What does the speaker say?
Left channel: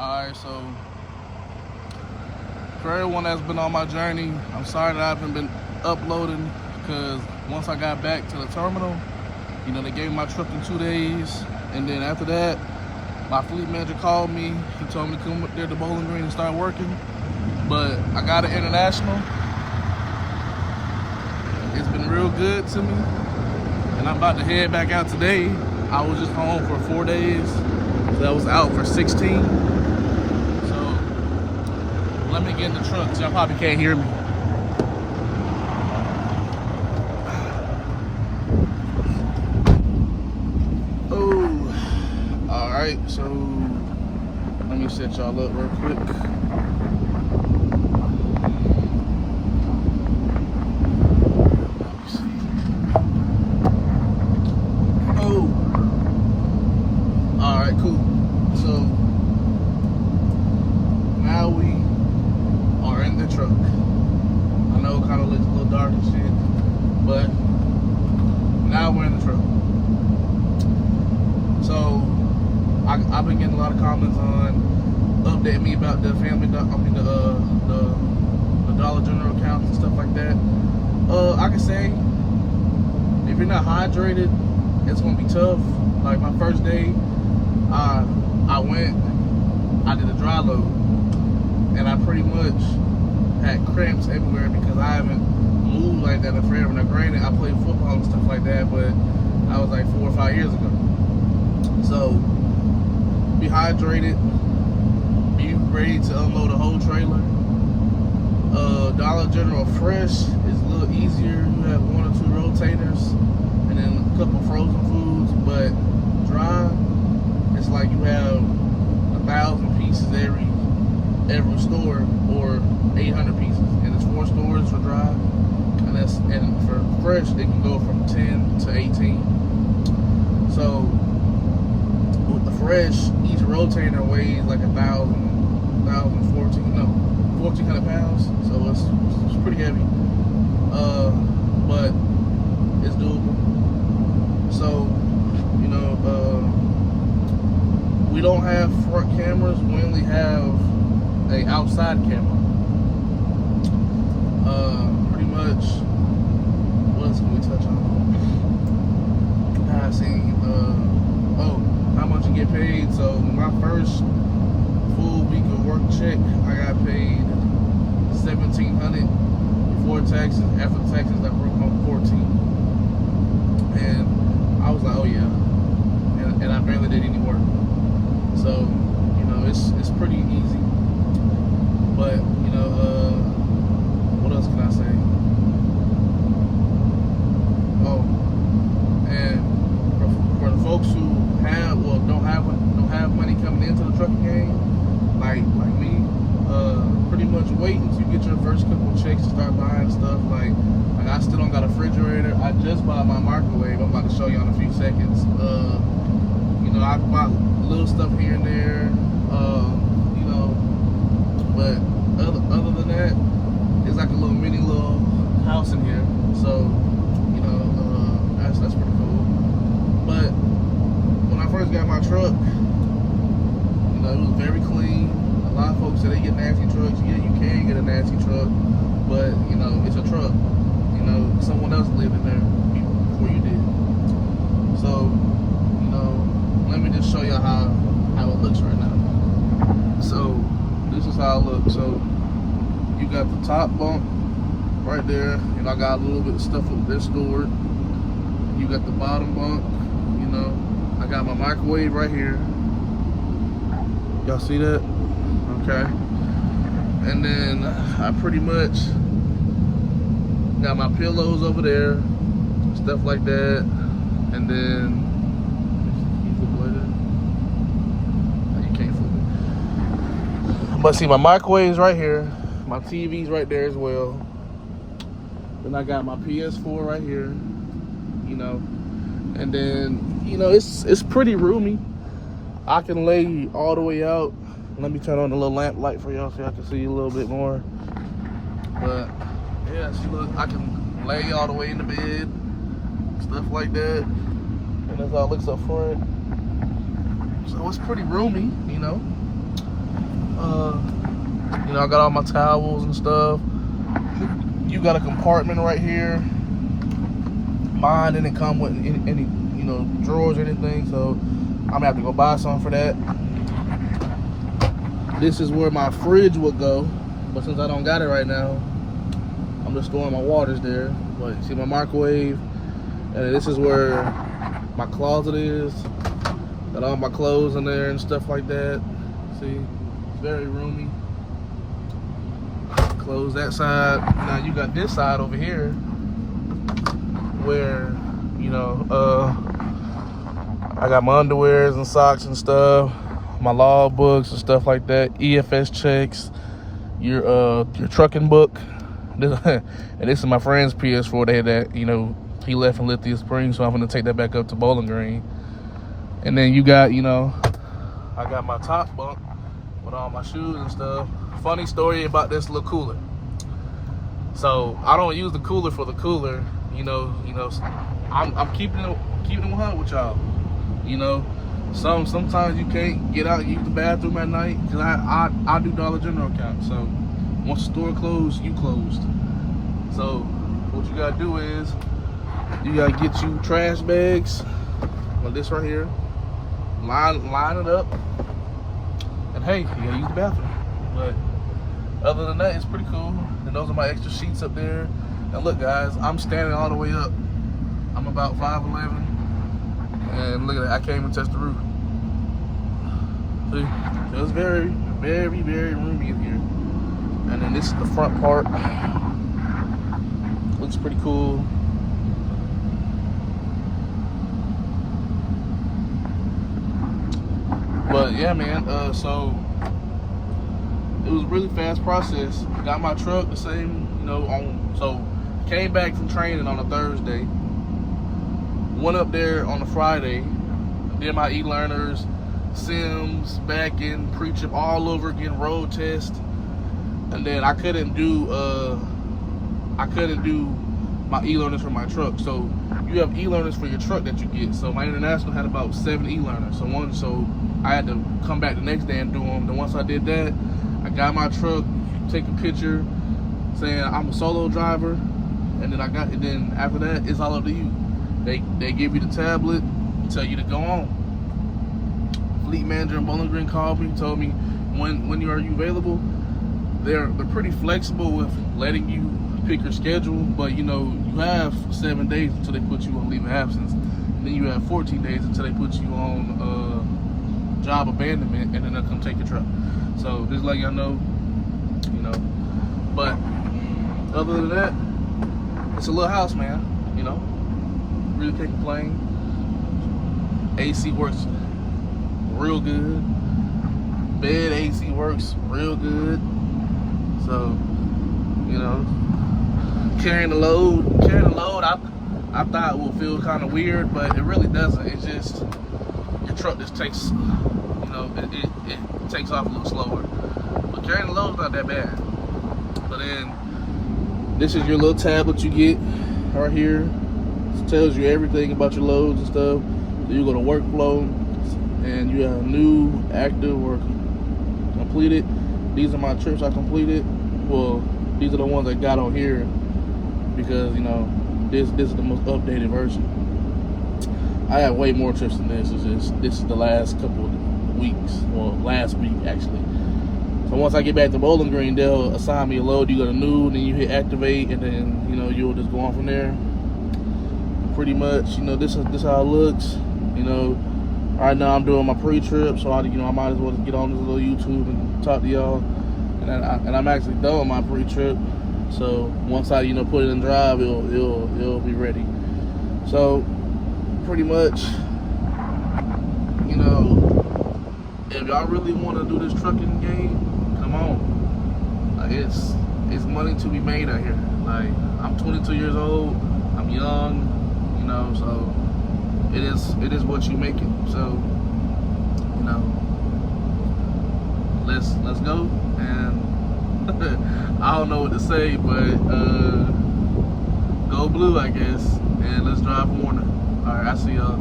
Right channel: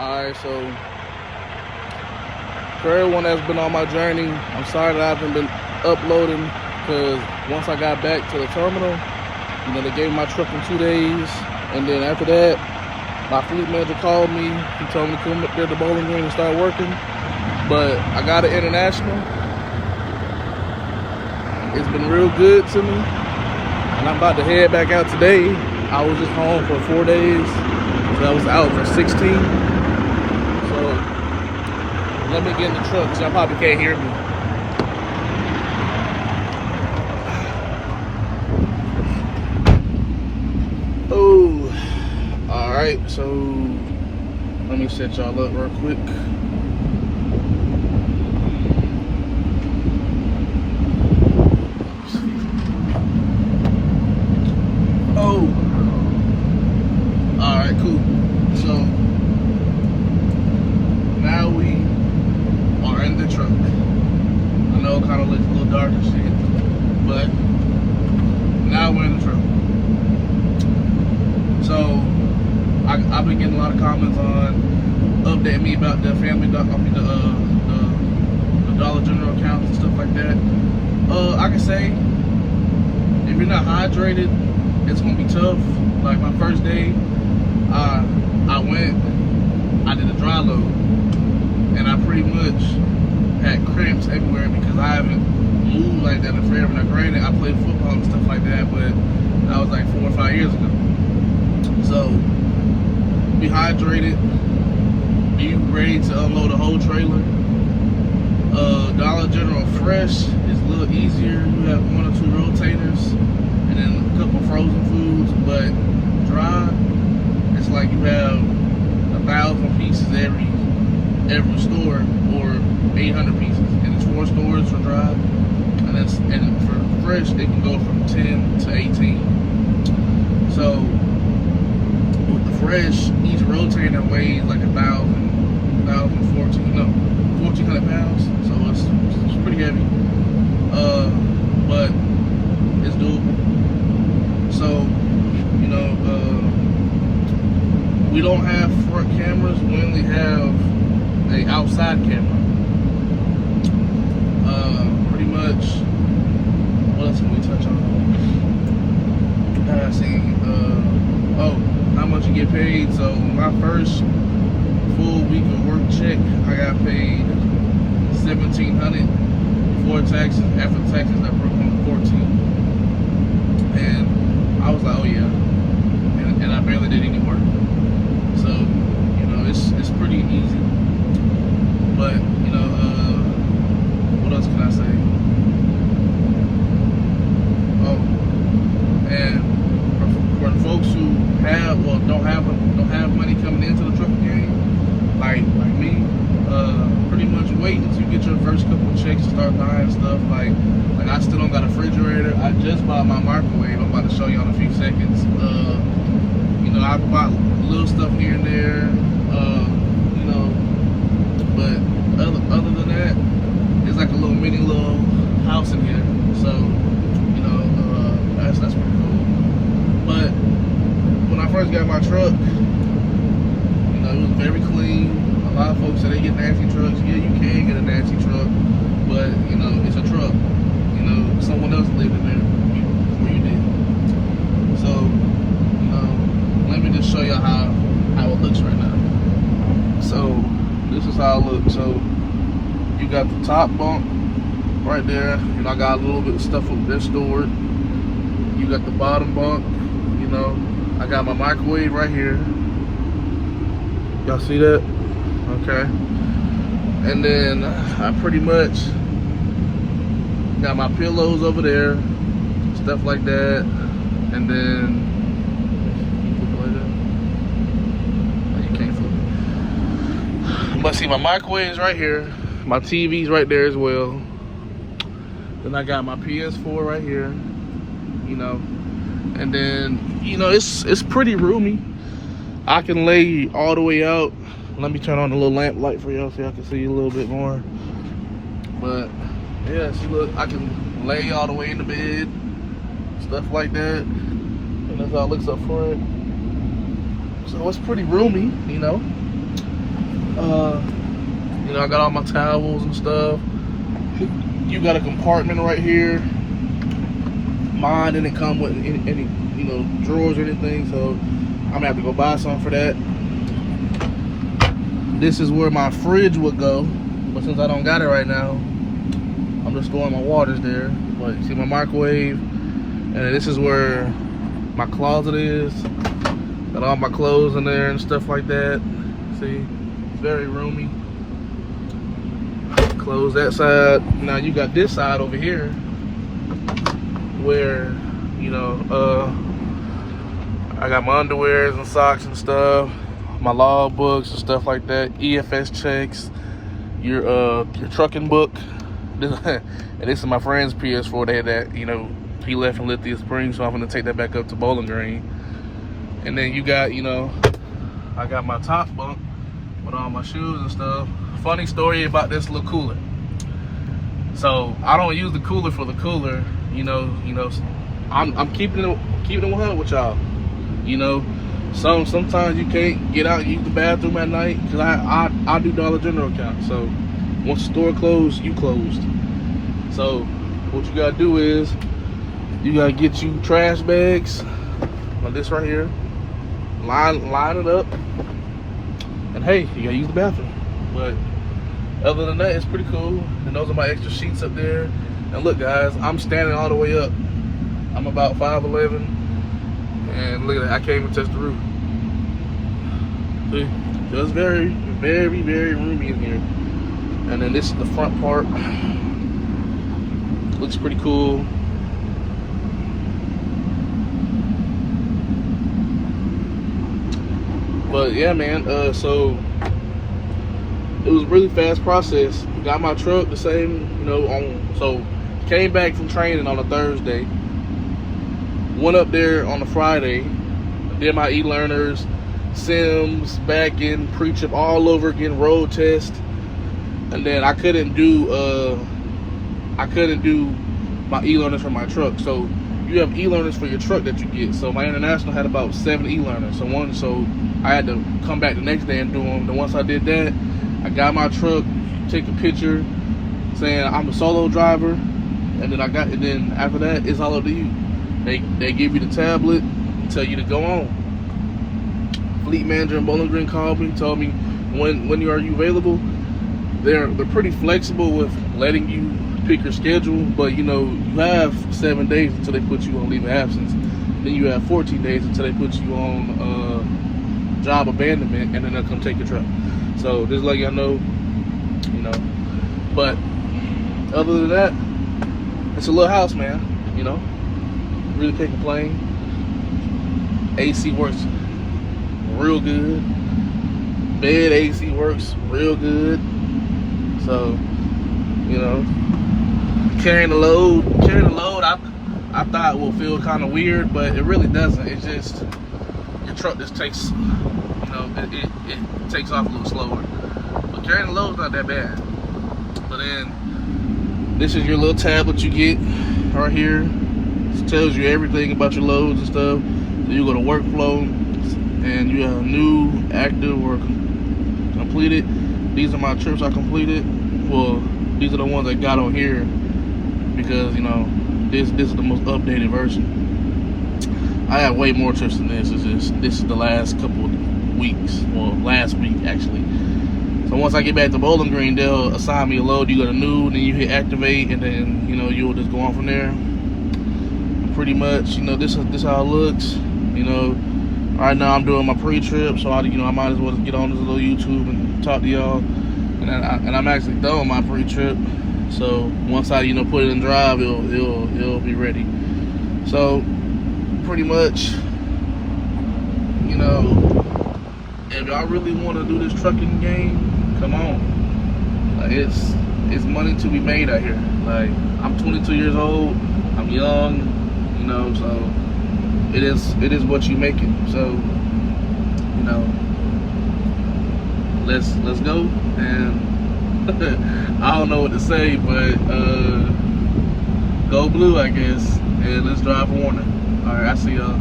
Alright, so for everyone that's been on my journey, I'm sorry that I haven't been uploading because once I got back to the terminal, they gave me my truck in 2 days, and then after that, my fleet manager called me. He told me to come up there to Bowling Green and start working. But I got an international. It's been real good to me, and I'm about to head back out today. I was just home for 4 days, so I was out for 16. So let me get in the truck because y'all probably can't hear me. Oh, all right. So let me set y'all up real quick. I've been getting a lot of comments on updating me about the the Dollar General accounts and stuff like that. I can say if you're not hydrated, it's gonna be tough. Like my first day, I did a dry load, and I pretty much had cramps everywhere because I haven't moved like that in forever. Now granted, I played football and stuff like that, but that was like 4 or 5 years ago. So be hydrated, be ready to unload a whole trailer. Dollar General Fresh is a little easier. You have 1 or 2 rotators and then a couple frozen foods, but dry, it's like you have 1,000 pieces every store, or 800 pieces, and it's 4 stores for dry, and for fresh it can go from 10 to 18. So fresh, each rotator weighs like 1,400 pounds, so it's pretty heavy, but it's doable. So, we don't have front cameras, we only have a outside camera. Pretty much, what else can we touch on? How much you get paid. So my first full week of work check, I got paid $1,700 before taxes. After taxes, I broke home 14, and I was like, oh yeah, and I barely did any work. So it's pretty easy. But what else can I say? Oh, and for the folks who don't have money coming into the trucking game, like me, pretty much wait until you get your first couple of checks to start buying stuff. Like I still don't got a refrigerator. I just bought my microwave. I'm about to show you in a few seconds. I bought little stuff here and there, but other than that, it's like a little little house in here. So that's pretty cool. But when I first got my truck, it was very clean. A lot of folks say they get nasty trucks. Yeah, you can get a nasty truck, but it's a truck. Someone else lived in there before you did. So let me just show you how it looks right now. So this is how it looks. So you got the top bunk right there. I got a little bit of stuff up there stored. You got the bottom bunk. I got my microwave right here. Y'all see that? Okay. And then I pretty much got my pillows over there, stuff like that. And then but see, my microwave's right here, my TV's right there as well. Then I got my PS4 right here, and then it's pretty roomy. I can lay all the way out. Let me turn on the little lamp light for y'all so y'all can see a little bit more. But yeah, see, look, I can lay all the way in the bed, stuff like that. And that's how it looks up front. So it's pretty roomy, You know, I got all my towels and stuff. You got a compartment right here. Mine didn't come with any you know, drawers or anything, so I'm gonna have to go buy some for that. This is where my fridge would go, but since I don't got it right now, I'm just storing my waters there. Like, see my microwave, and this is where my closet is. Got all my clothes in there and stuff like that. See, it's very roomy. Close that side. Now you got this side over here where, you know, I got my underwears and socks and stuff, my log books and stuff like that, EFS checks, your trucking book. And this is my friend's PS4. They had that, you know, he left in Lithia Springs, so I'm gonna take that back up to Bowling Green. And then you got, you know, I got my top bunk with all my shoes and stuff. Funny story about this little cooler. So I don't use the cooler for the cooler, you know. I'm keeping it 100 with y'all. You know, sometimes you can't get out and use the bathroom at night, because I do Dollar General account. So once the store closed, you closed. So what you gotta do is you gotta get you trash bags like this right here, line it up, and hey, you gotta use the bathroom. But other than that, it's pretty cool. And those are my extra sheets up there. And look, guys, I'm standing all the way up. I'm about 5'11", and look at that, I can't even touch the roof. See, it's very, very, very roomy in here. And then this is the front part. Looks pretty cool. But yeah, man, so it was a really fast process. Got my truck the same, you know, so came back from training on a Thursday. Went up there on a Friday, did my e-learners, sims, back in, pre-trip all over again, road test. And then I couldn't do my e-learners for my truck. So you have e-learners for your truck that you get. So my international had about 7 e-learners. So I had to come back the next day and do them. Then once I did that, I got my truck, take a picture saying I'm a solo driver, and then after that, it's all up to you. They give you the tablet and tell you to go on. Fleet manager in Bowling Green called me, told me when are you available. They're pretty flexible with letting you pick your schedule, but you know, you have 7 days until they put you on leave of absence. Then you have 14 days until they put you on job abandonment, and then they'll come take your truck. So just let y'all know, you know. But other than that, it's a little house, man. You know, really can't complain. AC works real good. Bed AC works real good. So, you know, carrying the load, I thought will feel kind of weird, but it really doesn't. It just, your truck just takes, you know, it takes off a little slower. But carrying the load's not that bad. But then, this is your little tablet you get right here. It tells you everything about your loads and stuff. So you go to workflow, and you have new, active, or completed. These are my trips I completed. Well, these are the ones I got on here because, you know, this is the most updated version. I have way more trips than this. This is the last couple of weeks. Well, last week actually. So once I get back to Bowling Green, they'll assign me a load. You go to new, and then you hit activate, and then, you know, you'll just go on from there. Pretty much, you know, this is how it looks. You know, right now I'm doing my pre-trip, so I might as well get on this little YouTube and talk to y'all. And I'm actually done with my pre-trip. So once I, you know, put it in drive, it'll be ready. So pretty much, you know, if y'all really want to do this trucking game, come on. Like, it's money to be made out here. Like, I'm 22 years old. I'm young. You know, so it is what you make it. So, you know, let's go. And I don't know what to say, but go blue, I guess. And let's drive Werner. All right, I see y'all.